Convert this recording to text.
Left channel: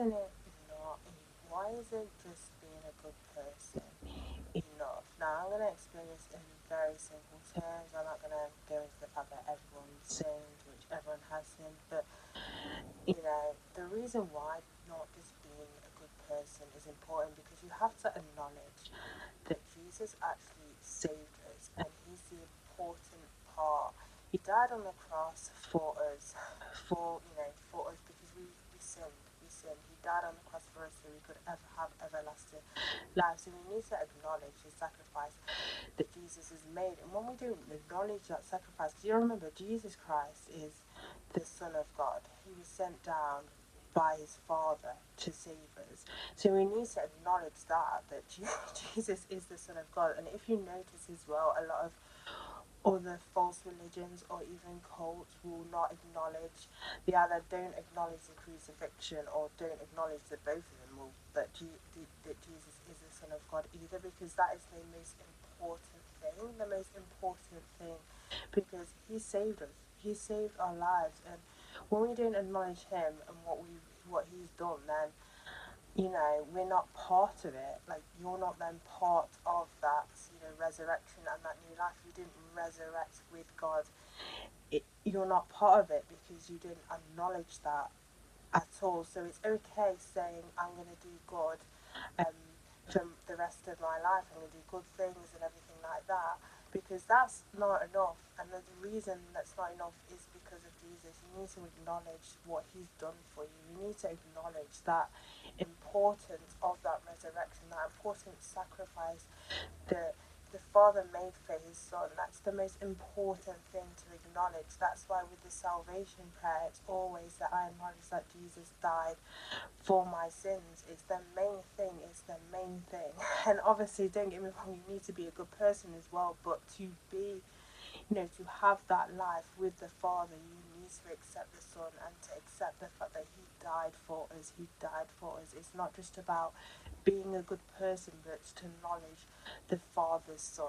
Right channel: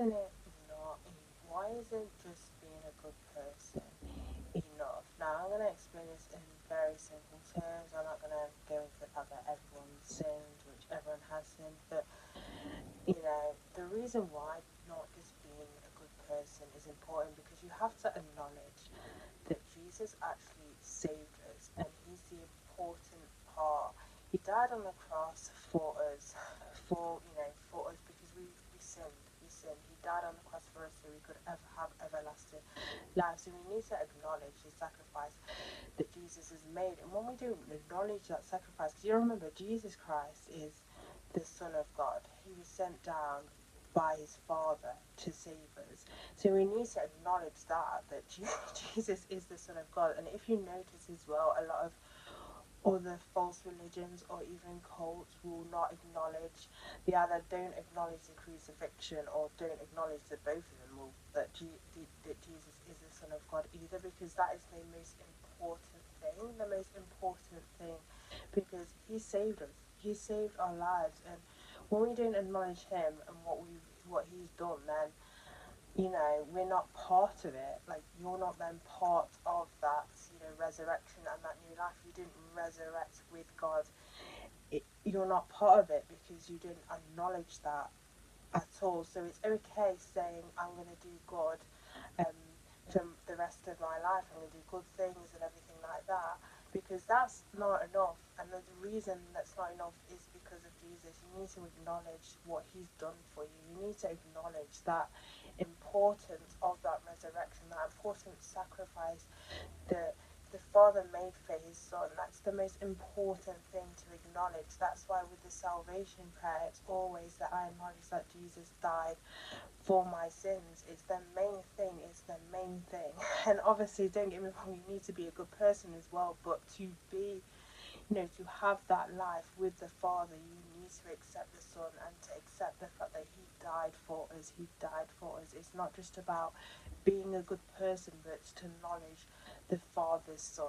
isn't it not? Why isn't just being a good person enough? Now, I'm going to explain this in very simple terms. I'm not going to go into the fact that everyone sins, which everyone has sinned, but the reason why not just being a good person is important because you have to acknowledge that Jesus actually saved us and he's the important part. He died on the cross for us, for us because we sinned. We sinned. He died on the cross for us so we could ever have everlasting life. So we need to acknowledge the sacrifice that Jesus has made. And when we don't acknowledge that sacrifice, do you remember Jesus Christ is the Son of God? He was sent down by his Father to save us. So we need to acknowledge that Jesus is the Son of God. And if you notice as well, a lot of other false religions or even cults will not acknowledge, they either don't acknowledge the crucifixion or don't acknowledge that both of them will, that Jesus is the Son of God either, because that is the most important thing, because he saved us, he saved our lives, and when we don't acknowledge him and what he's done, then we're not part of it. Like, you're not then part of that, resurrection and that new life. You didn't resurrect with God. You're not part of it because you didn't acknowledge that at all. So it's okay saying, I'm going to do good um, for the rest of my life. I'm going to do good things and everything like that, because that's not enough. And the reason that's not enough is because of Jesus. You need to acknowledge what he's done for you. You need to acknowledge that importance of that resurrection, that important sacrifice that the Father made for his Son. That's the most important thing to acknowledge. That's why with the salvation prayer, it's always that I acknowledge that Jesus died for my sins. It's the main thing. It's the main thing. And obviously, don't get me wrong, you need to be a good person as well, but to be, to have that life with the Father, you need to accept the Son and to accept the fact that he died for us. He died for us. It's not just about being a good person, but it's to acknowledge the Father's Son.